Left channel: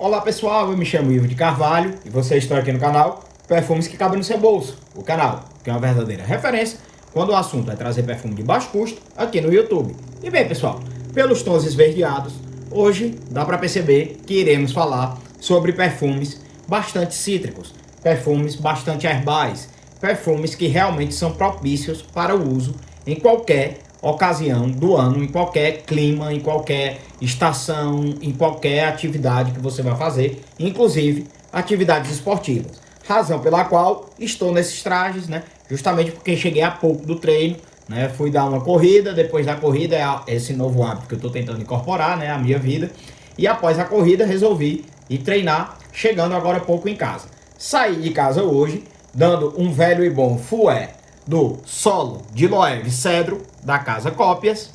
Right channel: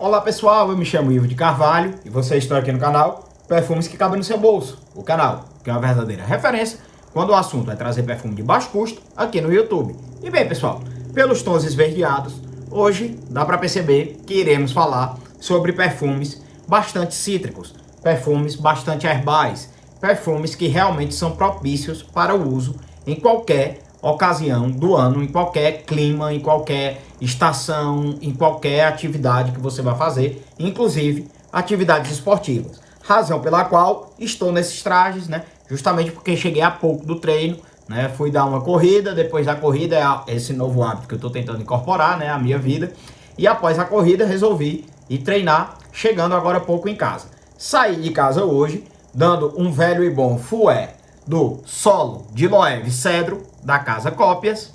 Olá pessoal, eu me chamo Ivo de Carvalho e vocês estão aqui no canal Perfumes que Cabem no Seu Bolso, o canal que é uma verdadeira referência quando o assunto é trazer perfume de baixo custo aqui no YouTube. E bem pessoal, pelos tons esverdeados, hoje dá para perceber que iremos falar sobre perfumes bastante cítricos, perfumes bastante herbais, perfumes que realmente são propícios para o uso em qualquer ocasião do ano, em qualquer clima, em qualquer estação, em qualquer atividade que você vai fazer, inclusive atividades esportivas. Razão pela qual estou nesses trajes, né? Justamente porque cheguei há pouco do treino, né? Fui dar uma corrida, depois da corrida é esse novo hábito que eu estou tentando incorporar, né? A minha vida. E após a corrida resolvi ir treinar, chegando agora há pouco em casa. Saí de casa hoje, dando um velho e bom fué do solo de Loewe Cedro, da Casa Cópias,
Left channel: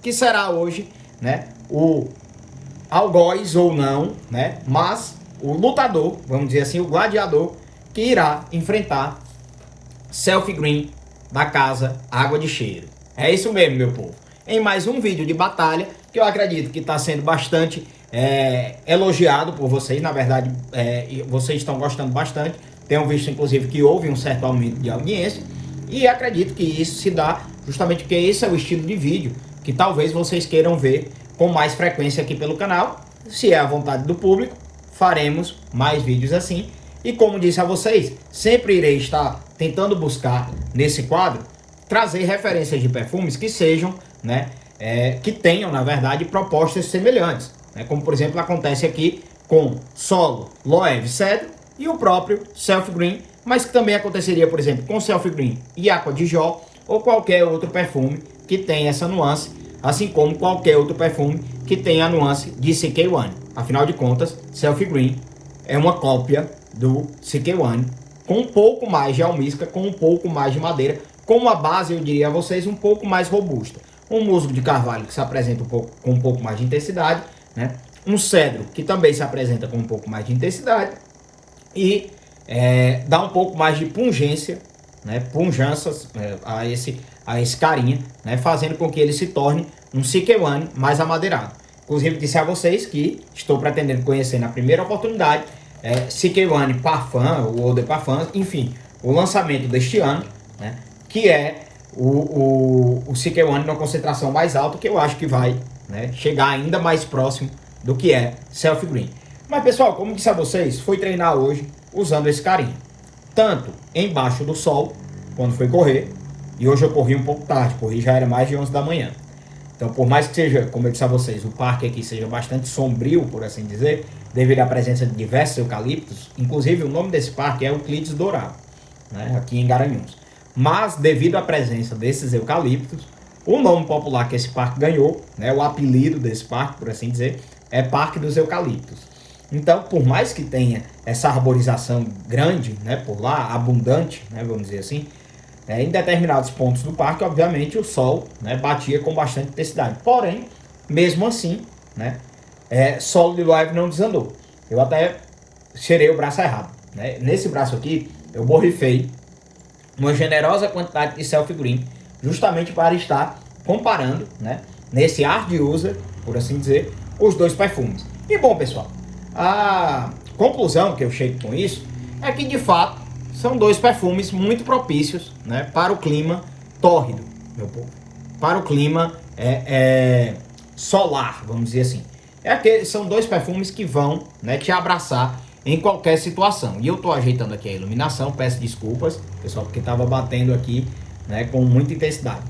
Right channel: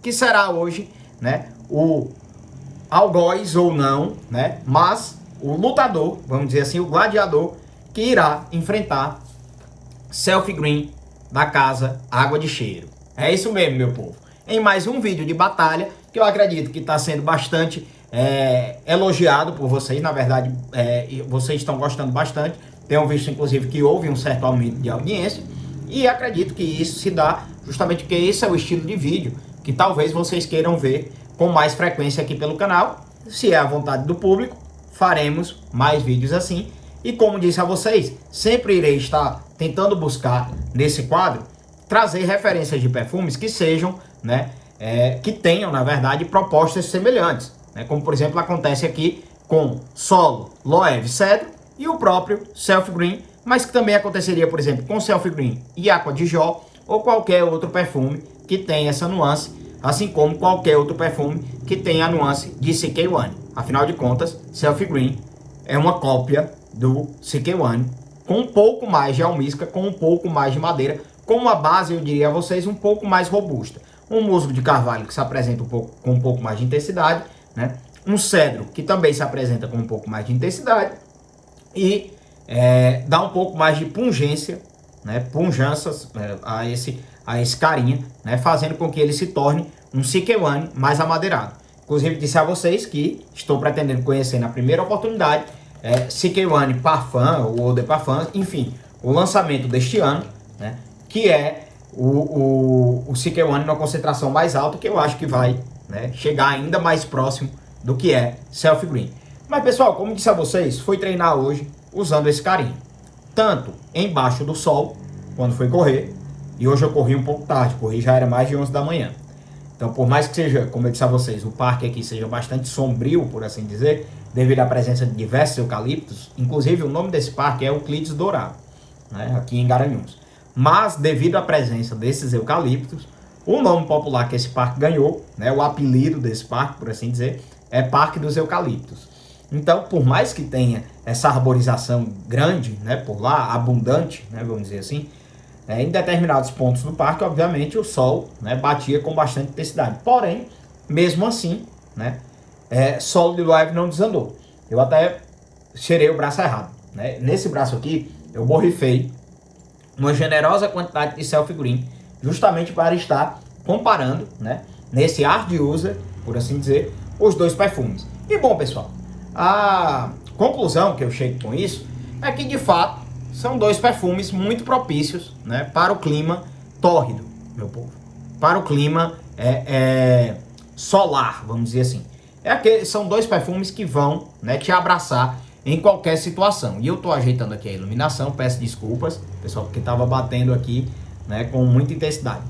que será hoje, né, o algoz ou não, né, mas o lutador, vamos dizer assim, o gladiador, que irá enfrentar Selfie Green da Casa Água de Cheiro. É isso mesmo, meu povo. Em mais um vídeo de batalha, que eu acredito que está sendo bastante elogiado por vocês, na verdade, vocês estão gostando bastante. Tenho visto, inclusive, que houve um certo aumento de audiência. E acredito que isso se dá justamente porque esse é o estilo de vídeo que talvez vocês queiram ver com mais frequência aqui pelo canal. Se é a vontade do público, faremos mais vídeos assim. E como disse a vocês, sempre irei estar tentando buscar nesse quadro trazer referências de perfumes que sejam, né, que tenham, na verdade, propostas semelhantes, né, como por exemplo acontece aqui com Solo Loewe Cedro e o próprio Selfie Green, mas que também aconteceria, por exemplo, com Selfie Green e Aqua di Gio, ou qualquer outro perfume que tenha essa nuance, assim como qualquer outro perfume que tenha a nuance de CK1. Afinal de contas, Selfie Green é uma cópia do CK1, com um pouco mais de almíscar, com um pouco mais de madeira, com uma base, eu diria a vocês, um pouco mais robusta. Um musgo de carvalho que se apresenta com um pouco mais de intensidade, né? Um cedro que também se apresenta com um pouco mais de intensidade, e dá um pouco mais de pungência, né, punjanças a esse carinha, né, fazendo com que ele se torne um CK1 mais amadeirado. Inclusive disse a vocês que estou pretendendo conhecer na primeira oportunidade CK1 Parfum ou Eau de Parfum, enfim, o lançamento deste ano, né, que é o CK1 numa concentração mais alta, que eu acho que vai, né, chegar ainda mais próximo do que é Selfie Green. Mas pessoal, como disse a vocês, fui treinar hoje usando esse carinha. Tanto embaixo do sol, quando foi correr, e hoje eu corri um pouco tarde, corri já era mais de 11 da manhã. Então por mais que seja, como eu disse a vocês, o parque aqui seja bastante sombrio, por assim dizer, devido à presença de diversos eucaliptos, inclusive o nome desse parque é Euclides Dourado, né, aqui em Garanhuns. Mas devido à presença desses eucaliptos, o nome popular que esse parque ganhou, né, o apelido desse parque, por assim dizer, é Parque dos Eucaliptos. Então, por mais que tenha essa arborização grande, né, por lá, abundante, né, vamos dizer assim, em determinados pontos do parque, obviamente, o sol, né, batia com bastante intensidade. Porém, mesmo assim, né, Solo de Loewe não desandou. Eu até cheirei o braço errado, né? Nesse braço aqui, eu borrifei uma generosa quantidade de Selfie Green, justamente para estar comparando, né, nesse hard user, por assim dizer, os dois perfumes. E bom, pessoal, a conclusão que eu chego com isso é que, de fato, são dois perfumes muito propícios, né, para o clima tórrido, meu povo. Para o clima solar, vamos dizer assim. São dois perfumes que vão, né, te abraçar em qualquer situação. E eu estou ajeitando aqui a iluminação, peço desculpas, pessoal, porque estava batendo aqui, né, com muita intensidade.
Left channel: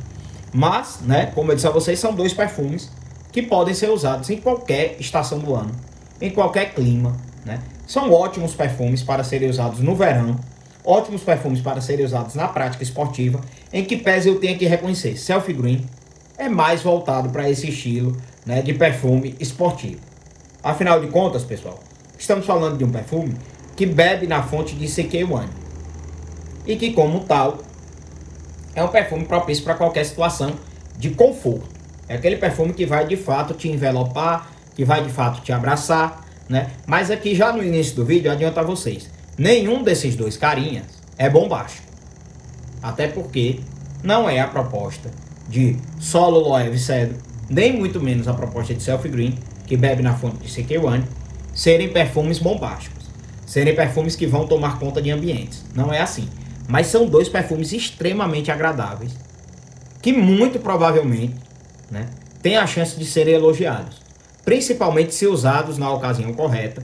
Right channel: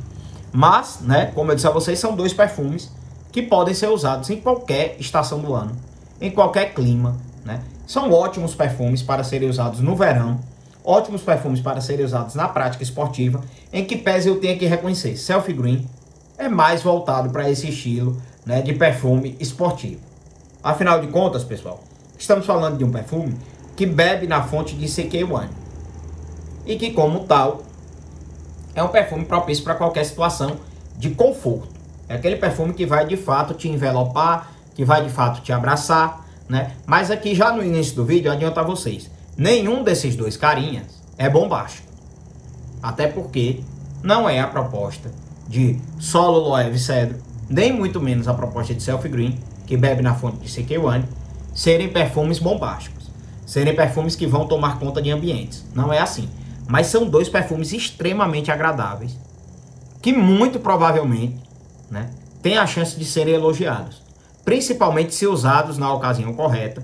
Mas, né, como eu disse a vocês, são dois perfumes que podem ser usados em qualquer estação do ano, em qualquer clima, né? São ótimos perfumes para serem usados no verão, ótimos perfumes para serem usados na prática esportiva, em que pese eu tenha que reconhecer, Selfie Green é mais voltado para esse estilo, né, de perfume esportivo. Afinal de contas, pessoal, estamos falando de um perfume que bebe na fonte de CK1 e que, como tal, é um perfume propício para qualquer situação de conforto. É aquele perfume que vai de fato te envelopar, que vai de fato te abraçar, né? Mas aqui já no início do vídeo, eu adianto a vocês, nenhum desses dois carinhas é bombástico. Até porque não é a proposta de Solo Loewe Cedro, nem muito menos a proposta de Selfie Green, que bebe na fonte de CK1, serem perfumes bombásticos, serem perfumes que vão tomar conta de ambientes. Não é assim. Mas são dois perfumes extremamente agradáveis, que muito provavelmente, né, têm a chance de serem elogiados, principalmente se usados na ocasião correta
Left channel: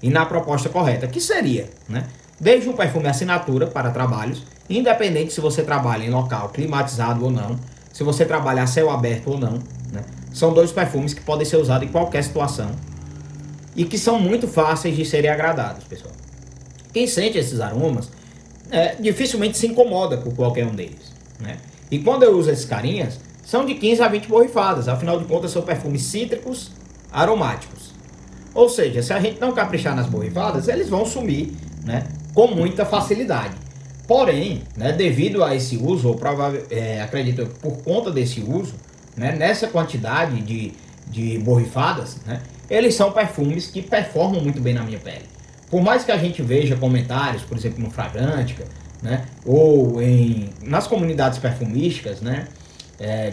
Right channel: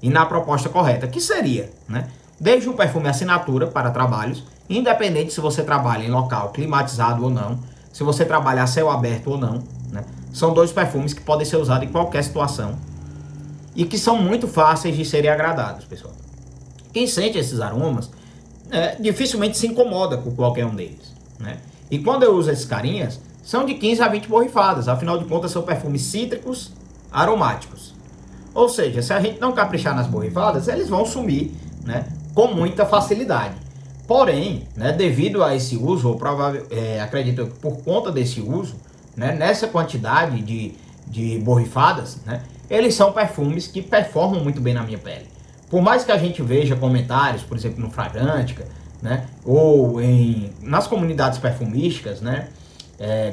e na proposta correta, que seria, né, desde um perfume assinatura para trabalhos, independente se você trabalha em local climatizado ou não, se você trabalha a céu aberto ou não, né, são dois perfumes que podem ser usados em qualquer situação e que são muito fáceis de serem agradados, pessoal. Quem sente esses aromas dificilmente se incomoda com qualquer um deles, né? E quando eu uso esses carinhas, são de 15 a 20 borrifadas, afinal de contas são perfumes cítricos aromáticos. Ou seja, se a gente não caprichar nas borrifadas, eles vão sumir, né, com muita facilidade. Porém, né, devido a esse uso, ou acredito por conta desse uso, né, nessa quantidade de borrifadas, né, eles são perfumes que performam muito bem na minha pele. Por mais que a gente veja comentários, por exemplo, no Fragrantica, né, ou nas comunidades perfumísticas, né,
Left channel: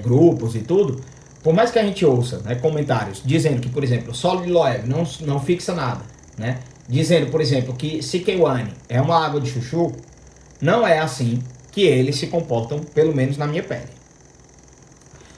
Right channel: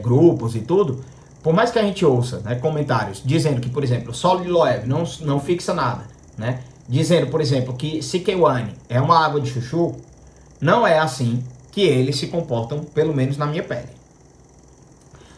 grupos e tudo, por mais que a gente ouça, né, comentários dizendo que, por exemplo, Sol de Loewe não fixa nada, né, dizendo, por exemplo, que CK1 é uma água de chuchu, não é assim que eles se comportam, pelo menos na minha pele.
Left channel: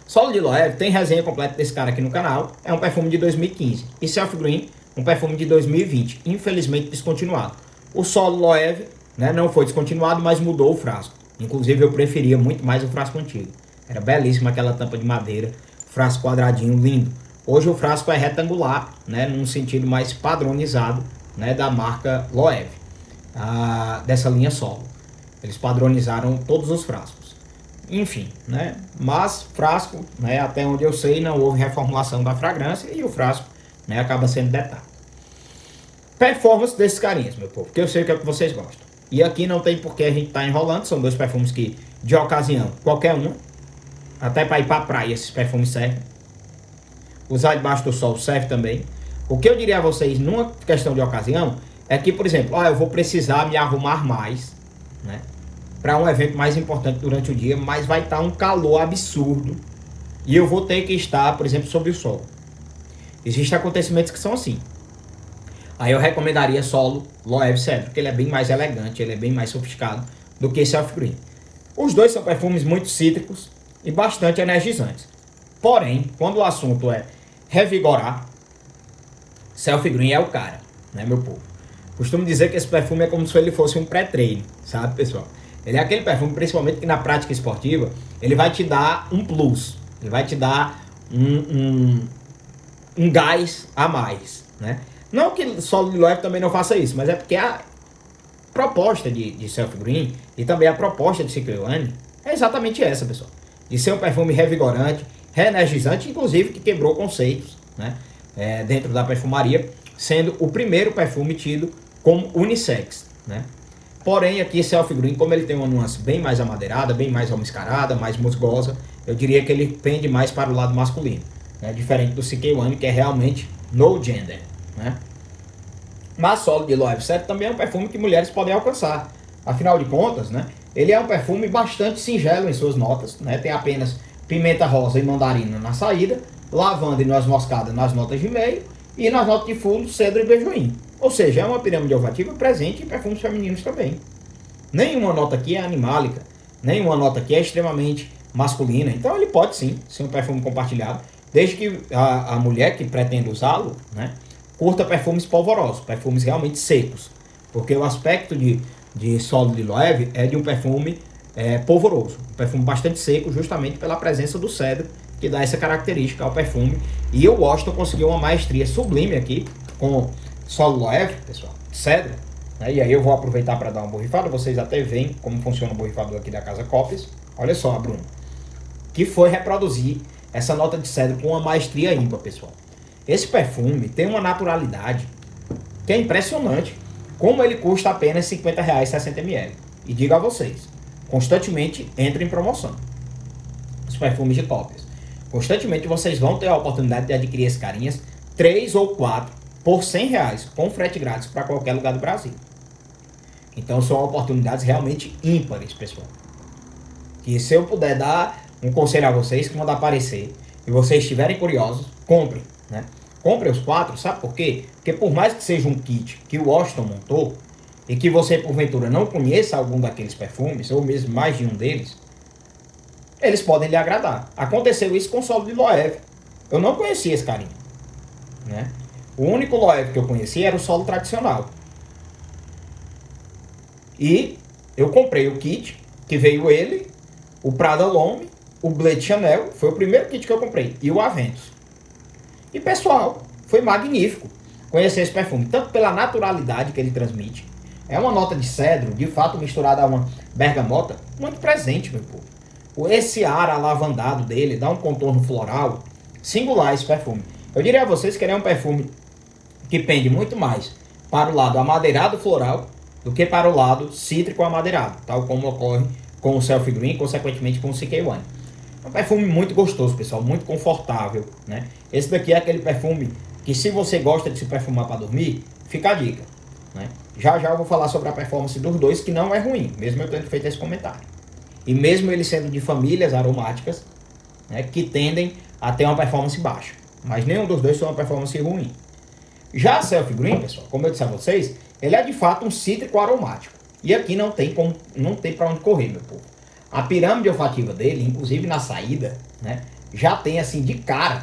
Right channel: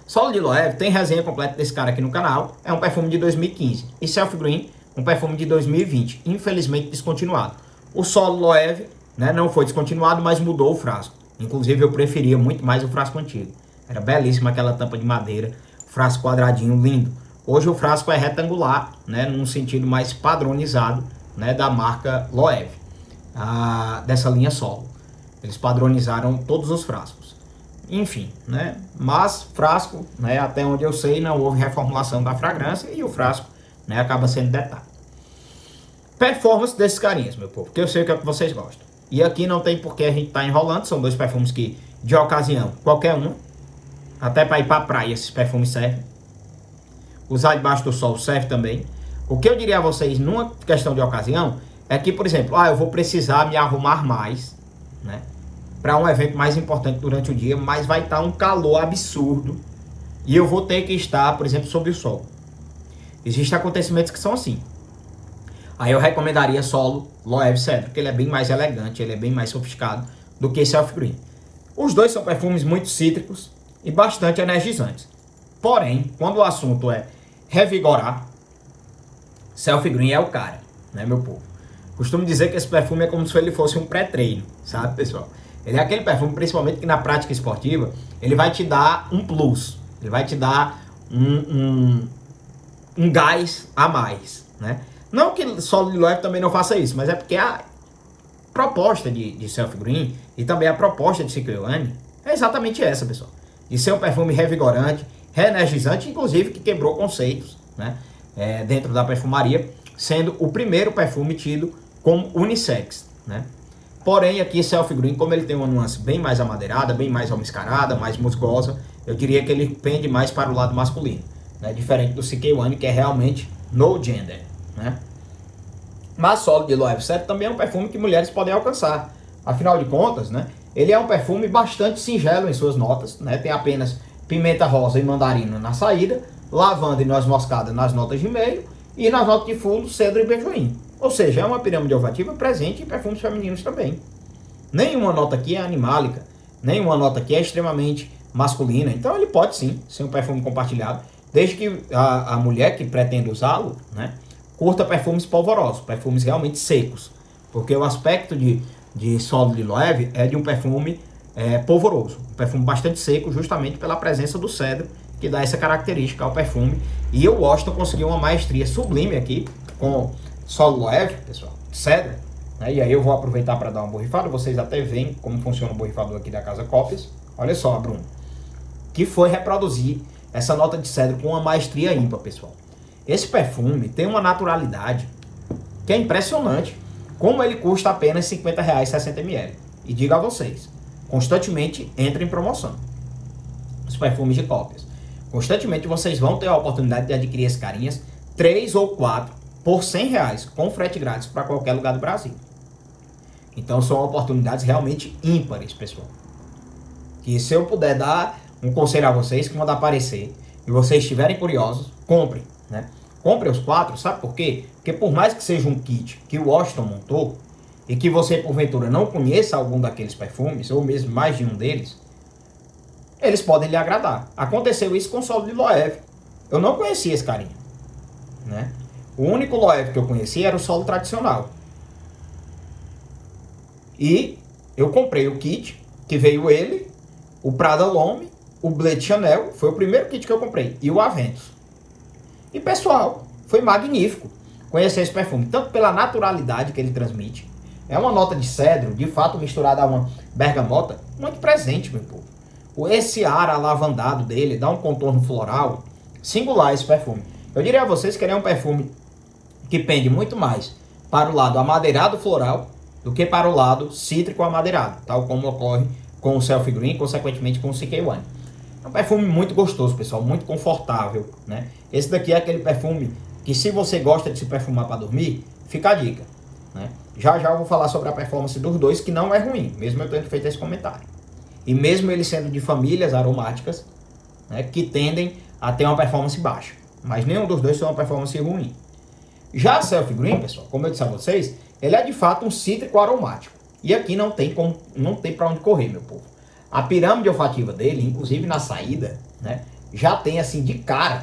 Sol de Loewe tem resenha completa desse cara aqui no canal, é um perfume de 2015, e Self Green, um perfume de 2020, infelizmente descontinuado. O Sol Loewe, né, não foi descontinuado, mas mudou o frasco. Inclusive eu preferia muito mais o frasco antigo. Era belíssima aquela tampa de madeira, frasco quadradinho, lindo. Hoje o frasco é retangular, né, num sentido mais padronizado, né, da marca Loewe, dessa linha Solo. Eles padronizaram todos os frascos. Enfim, né, mas frasco, né, até onde eu sei, não houve reformulação da fragrância e o frasco, né, acaba sendo detalhe. Performance desses carinhas, meu povo, porque eu sei o que é que vocês gostam. E aqui não tem por que a gente tá enrolando, são dois perfumes que, de ocasião, qualquer um, até para ir pra praia, esses perfumes servem. Usar debaixo do sol serve também. O que eu diria a vocês, numa questão de ocasião, é que, por exemplo, eu vou precisar me arrumar mais, né, para um evento mais importante durante o dia, mas vai estar um calor absurdo e eu vou ter que estar, por exemplo, sob o sol. Existem acontecimentos que são assim. Aí eu recomendaria Solo Loewe Cedro, porque ele é bem mais elegante, ele é bem mais sofisticado do que Self Green. Os dois são perfumes muito cítricos e bastante energizantes. Porém, quando o assunto é revigorar, Self Green é o cara, né, meu povo? Costumo dizer que esse perfume é como se ele fosse um pré-treino, sabe, pessoal? Ele é aquele perfume, principalmente que na prática esportiva, ele vai te dar um plus, ele vai te dar um gás a mais, né? Não que Sol de Loewe também não faça isso, mas é porque a proposta de Self Green e também a proposta de CK1 é exatamente essa, pessoal. De ser um perfume revigorante, reenergizante, inclusive que quebrou conceitos, né, dentro da perfumaria, sendo o primeiro perfume tido como unissex, né? Porém, aqui Self Green, como ele tem uma nuance bem mais amadeirada, bem mais almiscarada, mais musgosa, eu diria que ele pende mais para o lado masculino, né? Diferente do CK1, que é realmente no gender, né? Mas Solo de Loewe Cedro também é um perfume que mulheres podem alcançar. Afinal de contas, né, ele é um perfume bastante singelo em suas notas, né? Tem apenas pimenta rosa e mandarina na saída, lavanda e noz moscada nas notas de meio, e nas notas de fundo, cedro e beijoim. Ou seja, é uma pirâmide olfativa presente em perfumes femininos também. Nenhuma nota aqui é animálica, nenhuma nota aqui é extremamente masculina. Então ele pode sim ser um perfume compartilhado, desde que a mulher que pretende usá-lo, né, curta perfumes polvorosos, perfumes realmente secos. Porque o aspecto de Solo de Loewe é de um perfume polvoroso, um perfume bastante seco, justamente pela presença do cedro, que dá essa característica ao perfume. E o Washington conseguiu uma maestria sublime aqui com Solo Loewe, pessoal, cedro, né? E aí eu vou aproveitar para dar uma borrifada. Vocês até veem como funciona o borrifador aqui da Casa Cópias. Olha só, Bruno, que foi reproduzir essa nota de cedro com uma maestria ímpar, pessoal. Esse perfume tem uma naturalidade que é impressionante, como ele custa apenas R$50, 60 ml. E digo a vocês, constantemente entra em promoção os perfumes de Cópias. Constantemente vocês vão ter a oportunidade de adquirir esses carinhas 3 ou 4 por R$100, com frete grátis para qualquer lugar do Brasil. Então são oportunidades realmente ímpares, pessoal. E se eu puder dar um conselho a vocês, quando aparecer e vocês estiverem curiosos, comprem, né? Compre os 4, sabe por quê? Porque por mais que seja um kit que o Washington montou, e que você, porventura, não conheça algum daqueles perfumes, ou mesmo mais de um deles, eles podem lhe agradar. Aconteceu isso com o solo de Loewe. Eu não conhecia esse carinha, né? O único Loewe que eu conhecia era o solo tradicional. E eu comprei o kit, que veio ele, o Prada L'Homme, o Blade Chanel, foi o primeiro kit que eu comprei, e o Aventus. E pessoal, foi magnífico conhecer esse perfume, tanto pela naturalidade que ele transmite. É uma nota de cedro, de fato misturada a uma bergamota, muito presente, meu povo. Esse ar alavandado dele dá um contorno floral singular esse perfume. Eu diria a vocês que ele é um perfume que pende muito mais para o lado amadeirado floral do que para o lado cítrico amadeirado, tal como ocorre com o Selfie Green, consequentemente com o CK1. É um perfume muito gostoso, pessoal, muito confortável, né? Esse daqui é aquele perfume que, se você gosta de se perfumar para dormir, fica a dica, né? Já já eu vou falar sobre a performance dos dois, que não é ruim, mesmo eu tendo feito esse comentário. E mesmo ele sendo de famílias aromáticas, né, que tendem a ter uma performance baixa. Mas nenhum dos dois tem uma performance ruim. Já a Selfie Green, pessoal, como eu disse a vocês, ele é de fato um cítrico aromático. E aqui não tem para onde correr, meu povo. A pirâmide olfativa dele, inclusive na saída, né, já tem assim de cara,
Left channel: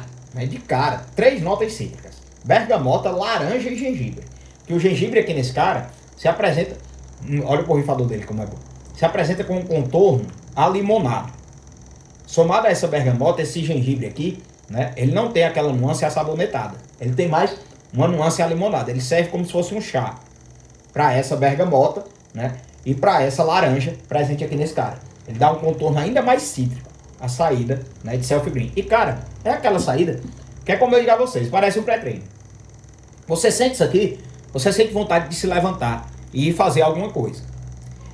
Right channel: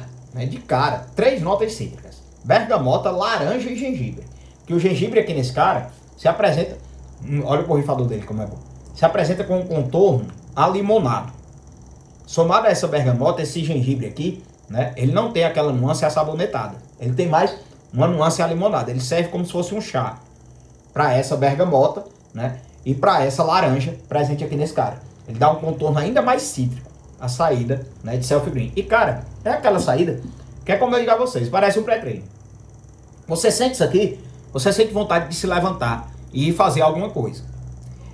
3 notas cítricas: bergamota, laranja e gengibre. Que o gengibre aqui nesse cara se apresenta, olha o borrifador dele como é bom, se apresenta com um contorno alimonado. Somado a essa bergamota, esse gengibre aqui, né, ele não tem aquela nuance assabonetada. Ele tem mais uma nuance alimonada. Ele serve como se fosse um chá para essa bergamota, né, e para essa laranja presente aqui nesse cara. Ele dá um contorno ainda mais cítrico, a saída, né, de Selfie Green. E cara, é aquela saída que é como eu digo a vocês, parece um pré-treino. Você sente isso aqui, você sente vontade de se levantar e fazer alguma coisa.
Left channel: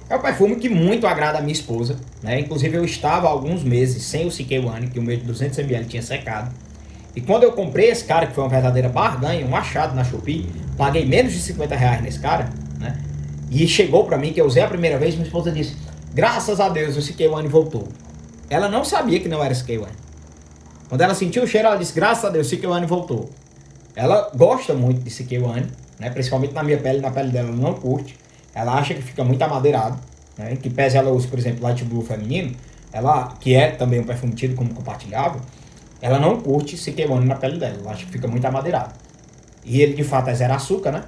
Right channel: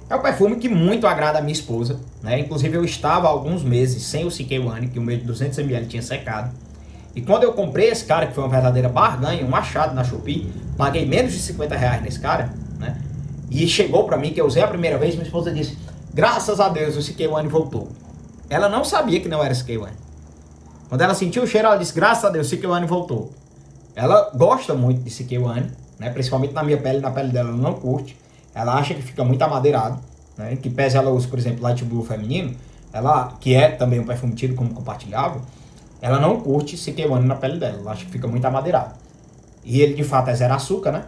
É um perfume que muito agrada a minha esposa, né? Inclusive eu estava há alguns meses sem o CK1, que o meu de 200 ml tinha secado. E quando eu comprei esse cara, que foi uma verdadeira barganha, um achado na Shopee, paguei menos de 50 reais nesse cara, né? E chegou pra mim, que eu usei a primeira vez, minha esposa disse: graças a Deus o CK1 voltou. Ela não sabia que não era CK1. Quando ela sentiu o cheiro, ela disse: graças a Deus o CK1 voltou. Ela gosta muito de CK1, né? Principalmente na minha pele, na pele dela ela não curte. Ela acha que fica muito amadeirado, né? Que pese ela use, por exemplo, Light Blue feminino, ela, que é também um perfume tido como compartilhável, ela não curte CK1 na pele dela, ela acha que fica muito amadeirado. E ele de fato é zero açúcar, né?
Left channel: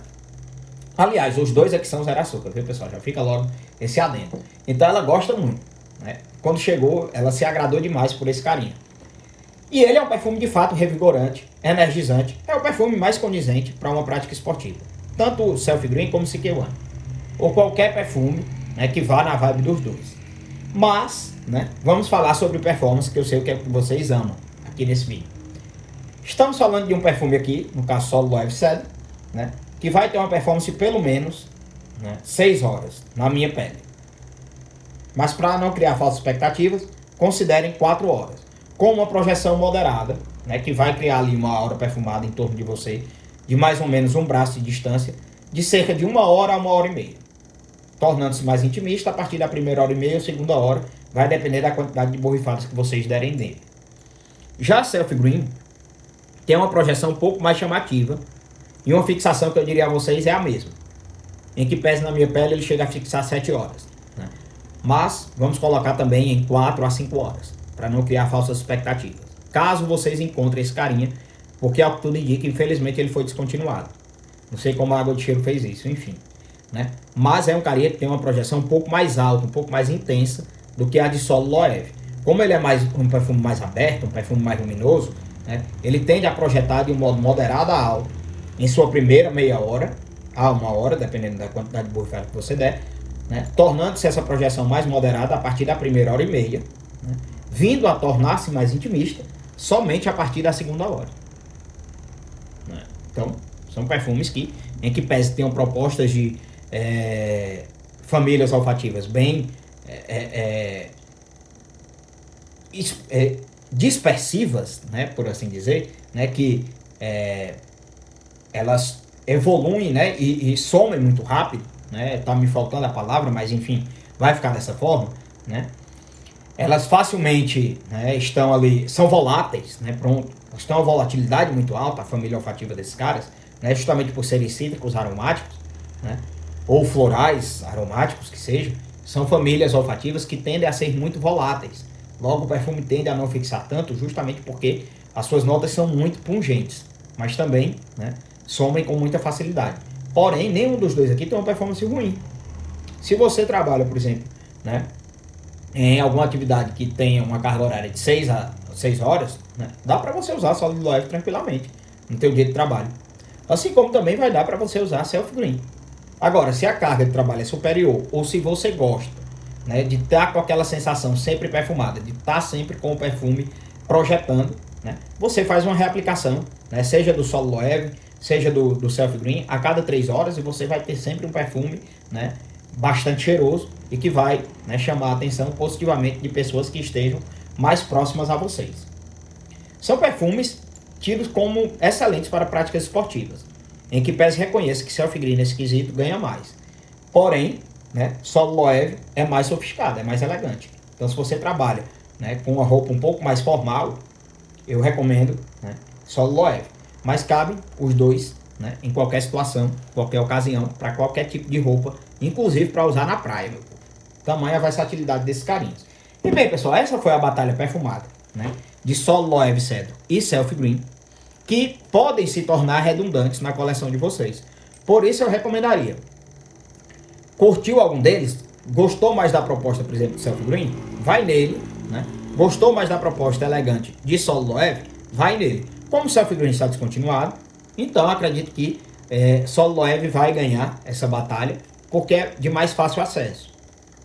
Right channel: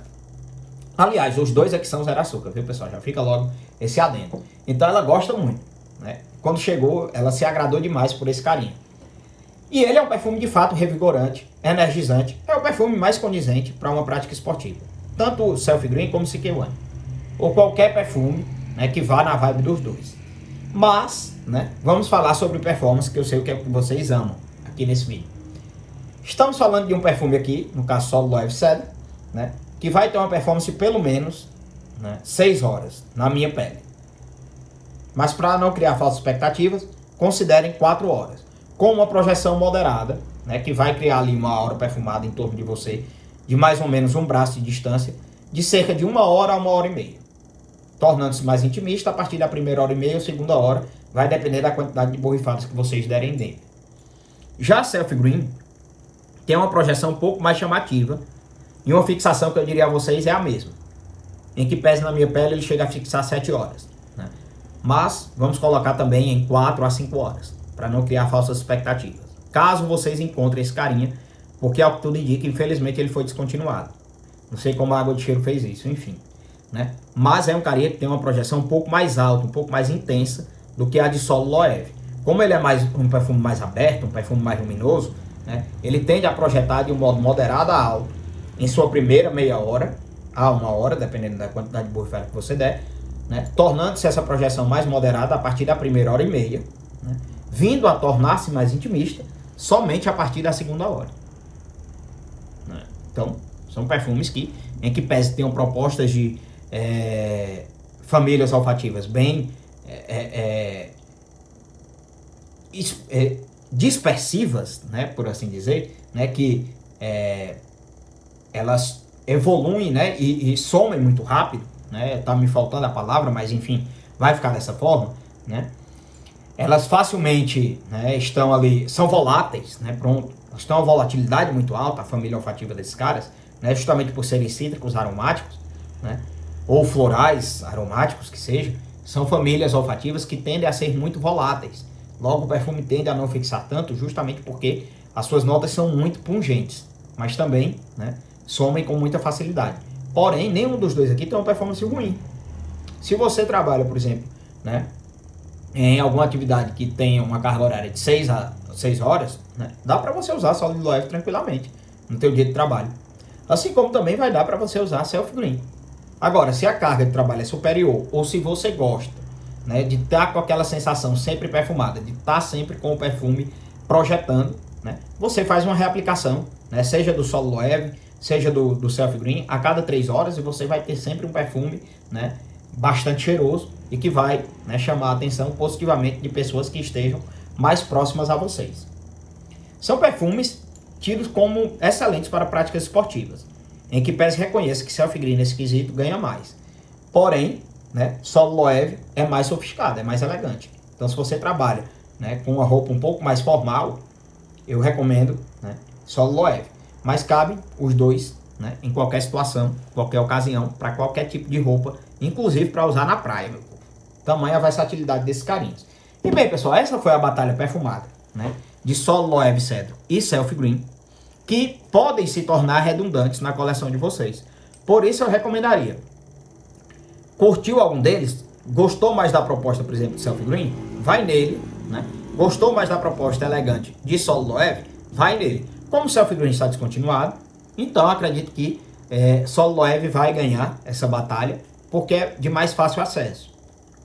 Aliás, os dois aqui são zero açúcar, viu, pessoal? Já fica logo esse adendo. Então ela gosta muito, né? Quando chegou, ela se agradou demais por esse carinho. E ele é um perfume de fato revigorante, energizante, é o perfume mais condizente para uma prática esportiva. Tanto o Selfie Green como o CK1. Ou qualquer perfume, né, que vá na vibe dos dois. Mas, né, vamos falar sobre performance, que eu sei o que é que vocês amam aqui nesse vídeo. Estamos falando de um perfume aqui, no caso Solo Loewe Cedro, né, que vai ter uma performance pelo menos, né, 6 horas na minha pele. Mas para não criar falsas expectativas, considerem 4 horas. Com uma projeção moderada, né, que vai criar ali uma aura perfumada em torno de você, de mais ou menos um braço de distância, de cerca de 1 hora a 1 hora e meia. Tornando-se mais intimista a partir da primeira hora e meia ou segunda hora, vai depender da quantidade de borrifadas que vocês derem dentro. Já a Selfie Green tem uma projeção um pouco mais chamativa, e uma fixação que eu diria a vocês é a mesma. Em que pese na minha pele ele chega a fixar 7 horas. Né? Mas vamos colocar também em 4 a 5 horas, para não criar falsas expectativas. Caso vocês encontrem esse carinha, porque ao que tudo indica, infelizmente ele foi descontinuado. Não sei como a água de cheiro fez isso, enfim. Né? Mas é um carinha que tem uma projeção um pouco mais alta, um pouco mais intensa do que a de Solo Loewe. Como ele é um perfume mais aberto, um perfume mais luminoso, né? Ele tende a projetar de um modo moderado a alto em sua primeira meia hora a 1 hora, dependendo da quantidade de borrifada que você der, né? Tornando-se essa projeção mais moderada a partir da primeira hora e meia, né? Vindo a tornar-se mais intimista somente a partir da segunda hora. Né? Então, são perfumes que, em que pese tenham propostas de famílias olfativas bem dispersivas, né, por assim dizer, né, que elas evoluem, né, e somem muito rápido, né, tá me faltando a palavra, mas enfim, vai ficar dessa forma, né. elas facilmente, né, estão ali, são voláteis, né, pronto. Elas têm uma volatilidade muito alta, a família olfativa desses caras, né, justamente por serem cítricos aromáticos, né, ou florais aromáticos que seja, são famílias olfativas que tendem a ser muito voláteis. Logo, o perfume tende a não fixar tanto, justamente porque as suas notas são muito pungentes, mas também, né, somem com muita facilidade. Porém, nenhum dos dois aqui tem uma performance ruim. Se você trabalha, por exemplo, né, em alguma atividade que tenha uma carga horária de 6 horas, né, dá para você usar Solid Loewe tranquilamente no teu dia de trabalho. Assim como também vai dar para você usar Self Green. Agora, se a carga de trabalho é superior ou se você gosta, né, de estar com aquela sensação sempre perfumada, de estar sempre com o perfume projetando, né, você faz uma reaplicação, né, seja do Solid Loewe, seja do Self Green, a cada 3 horas, e você vai ter sempre um perfume, né, bastante cheiroso e que vai, né, chamar a atenção positivamente de pessoas que estejam mais próximas a vocês. São perfumes tidos como excelentes para práticas esportivas, em que PES reconhece que Self Green nesse quesito ganha mais. Porém, né, Solid Loewe é mais sofisticado, é mais elegante. Então, se você trabalha, né, com uma roupa um pouco mais formal, eu recomendo, né, Solid Loewe. Mas cabe os dois, né, em qualquer situação, qualquer ocasião, para qualquer tipo de roupa, inclusive para usar na praia, meu povo. Tamanha a versatilidade desses carinhos. E bem, pessoal, essa foi a batalha perfumada, né, de Solid Loewe Cedro e Self Green, que podem se tornar redundantes na coleção de vocês. Por isso eu recomendaria. Curtiu algum deles? Gostou mais da proposta, por exemplo, de Self Green? Vai nele, né? Gostou mais da proposta elegante de Solid Loewe? Vai nele. Como o Self Green está descontinuado, então acredito que Solid Loewe vai ganhar essa batalha, porque é de mais fácil acesso.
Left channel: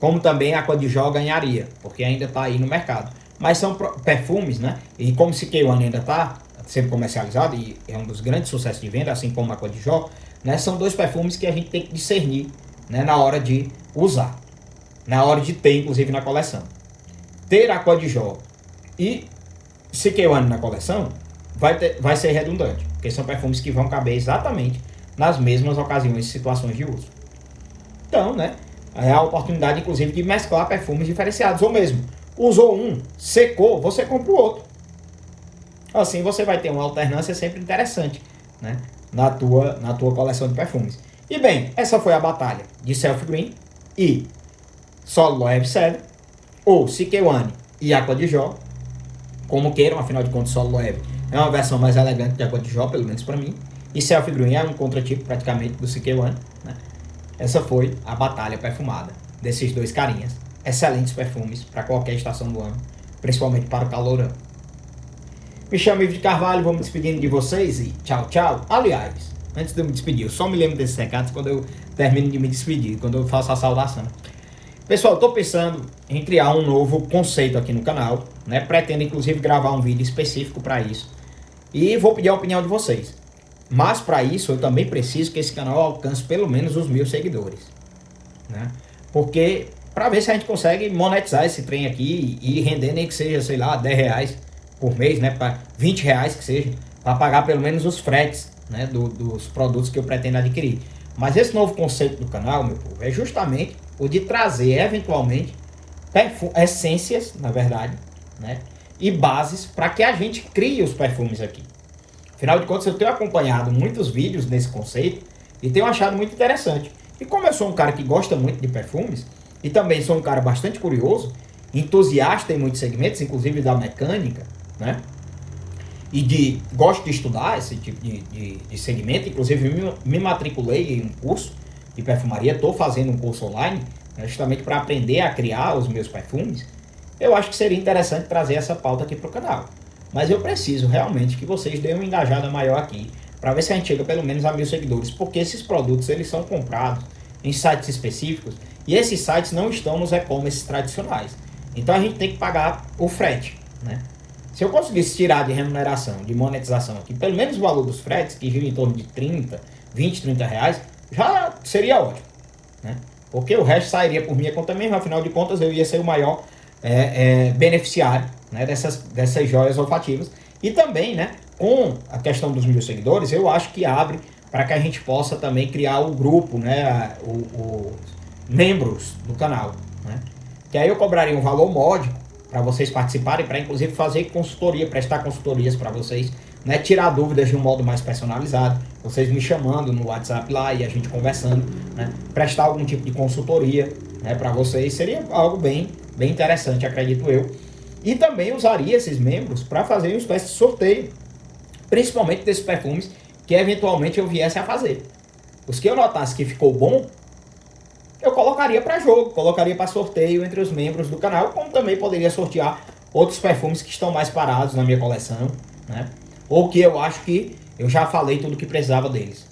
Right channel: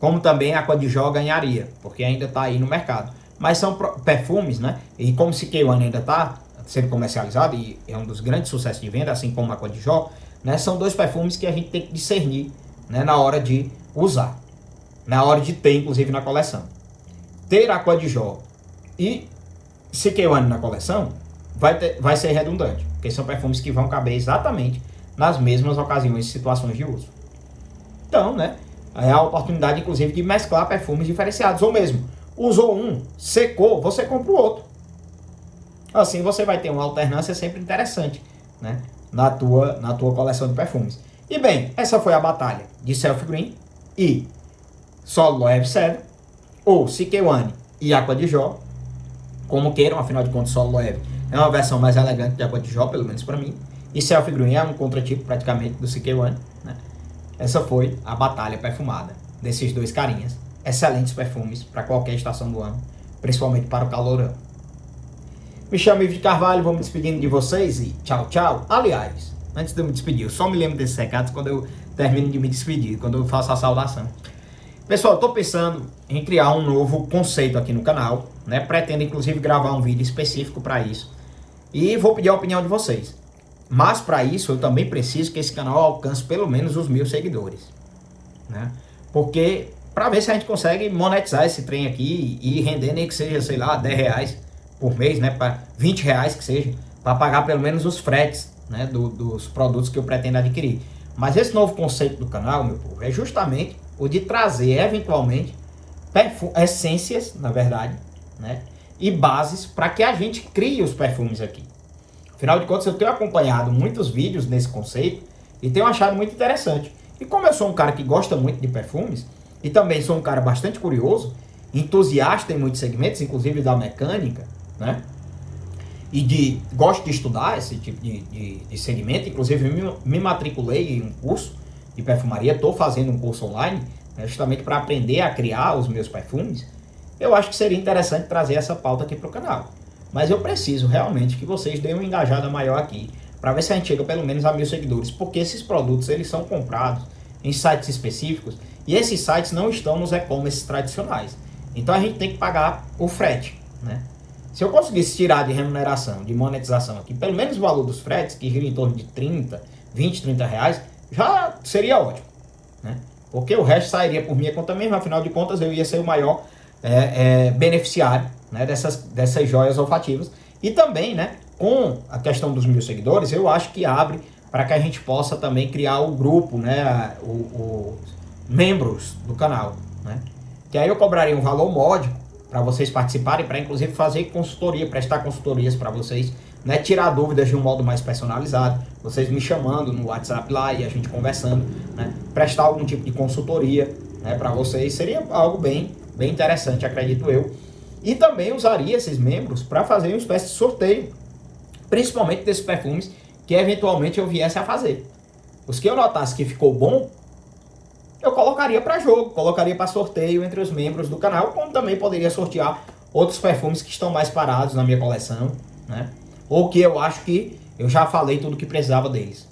Como também a Aqua di Gio ganharia, porque ainda está aí no mercado. Mas são perfumes, né? E como o CK One ainda está sendo comercializado e é um dos grandes sucessos de venda, assim como a Aqua di Gio, né? São dois perfumes que a gente tem que discernir, né, na hora de usar, na hora de ter, inclusive, na coleção. Ter a Aqua di Gio e CK One na coleção vai ser redundante, porque são perfumes que vão caber exatamente nas mesmas ocasiões e situações de uso. Então, né, é a oportunidade, inclusive, de mesclar perfumes diferenciados, ou mesmo, usou um, secou, você compra o outro. Assim você vai ter uma alternância sempre interessante, né, na tua coleção de perfumes. E bem, essa foi a batalha de Self Green e Solid Loewe Cedro, ou CK One e Aqua di Gio, como queiram, afinal de contas, Solid Loewe é uma versão mais elegante de Aqua di Gio, pelo menos para mim, e Self Green é um contratipo praticamente do CK One, né? Essa foi a batalha perfumada desses dois carinhas, excelentes perfumes para qualquer estação do ano, principalmente para o calorão. Me chamo Ivo de Carvalho, vou me despedindo de vocês e tchau, tchau. Aliás, antes de eu me despedir, eu só me lembro desses recados quando eu termino de me despedir, quando eu faço a saudação. Pessoal, eu tô pensando em criar um novo conceito aqui no canal, né? Pretendo inclusive gravar um vídeo específico para isso. E vou pedir a opinião de vocês. Mas para isso eu também preciso que esse canal alcance pelo menos os 1000 seguidores, né? Porque para ver se a gente consegue monetizar esse trem aqui e render nem que seja, sei lá, 10 reais por mês, né? Para 20 reais que seja, para pagar pelo menos os fretes, né, dos produtos que eu pretendo adquirir. Mas esse novo conceito do canal, meu povo, é justamente o de trazer eventualmente essências, na verdade, né, e bases para que a gente crie os perfumes aqui. Afinal de contas, eu tenho acompanhado muitos vídeos nesse conceito e tenho achado muito interessante. E como eu sou um cara que gosta muito de perfumes e também sou um cara bastante curioso, entusiasta em muitos segmentos, inclusive da mecânica, né, e gosto de estudar esse tipo de segmento, inclusive me matriculei em um curso de perfumaria, estou fazendo um curso online, né, justamente para aprender a criar os meus perfumes. Eu acho que seria interessante trazer essa pauta aqui para o canal. Mas eu preciso realmente que vocês deem uma engajada maior aqui, para ver se a gente chega pelo menos a 1000 seguidores, porque esses produtos eles são comprados em sites específicos, e esses sites não estão nos e-commerce tradicionais. Então a gente tem que pagar o frete, né? Se eu conseguisse tirar de remuneração, de monetização aqui, pelo menos o valor dos fretes, que gira em torno de 20, 30 reais, já seria ótimo, né? Porque o resto sairia por minha conta mesmo, afinal de contas eu ia ser o maior beneficiário, né, dessas joias olfativas. E também, né, com a questão dos 1000 seguidores, eu acho que abre para que a gente possa também criar o grupo, né, os membros do canal, né? Que aí eu cobraria um valor módico para vocês participarem, para inclusive fazer consultoria, prestar consultorias para vocês, né? Tirar dúvidas de um modo mais personalizado, vocês me chamando no WhatsApp lá e a gente conversando, né? Prestar algum tipo de consultoria, né, para vocês, seria algo bem interessante, acredito eu. E também usaria esses membros para fazer uma espécie de sorteio, principalmente desses perfumes que eventualmente eu viesse a fazer. Os que eu notasse que ficou bom, eu colocaria para jogo, colocaria para sorteio entre os membros do canal, como também poderia sortear outros perfumes que estão mais parados na minha coleção, né? Ou que eu acho que eu já falei tudo que precisava deles.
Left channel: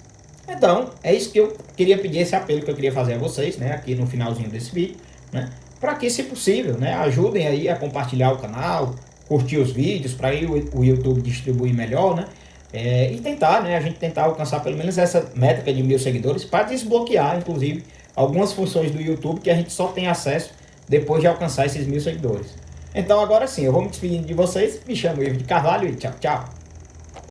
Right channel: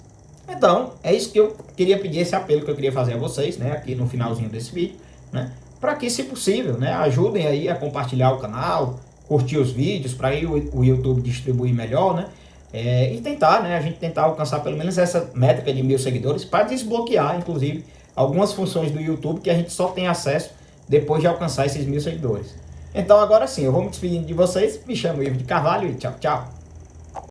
Então, é isso que eu queria pedir, esse apelo que eu queria fazer a vocês, né, aqui no finalzinho desse vídeo, né, para que, se possível, né, ajudem aí a compartilhar o canal, curtir os vídeos, para aí o YouTube distribuir melhor, né, e tentar, né, a gente tentar alcançar pelo menos essa métrica de 1000 seguidores, para desbloquear, inclusive, algumas funções do YouTube que a gente só tem acesso depois de alcançar esses 1000 seguidores. Então, agora sim, eu vou me despedindo de vocês, me chamo Ivo de Carvalho e tchau, tchau.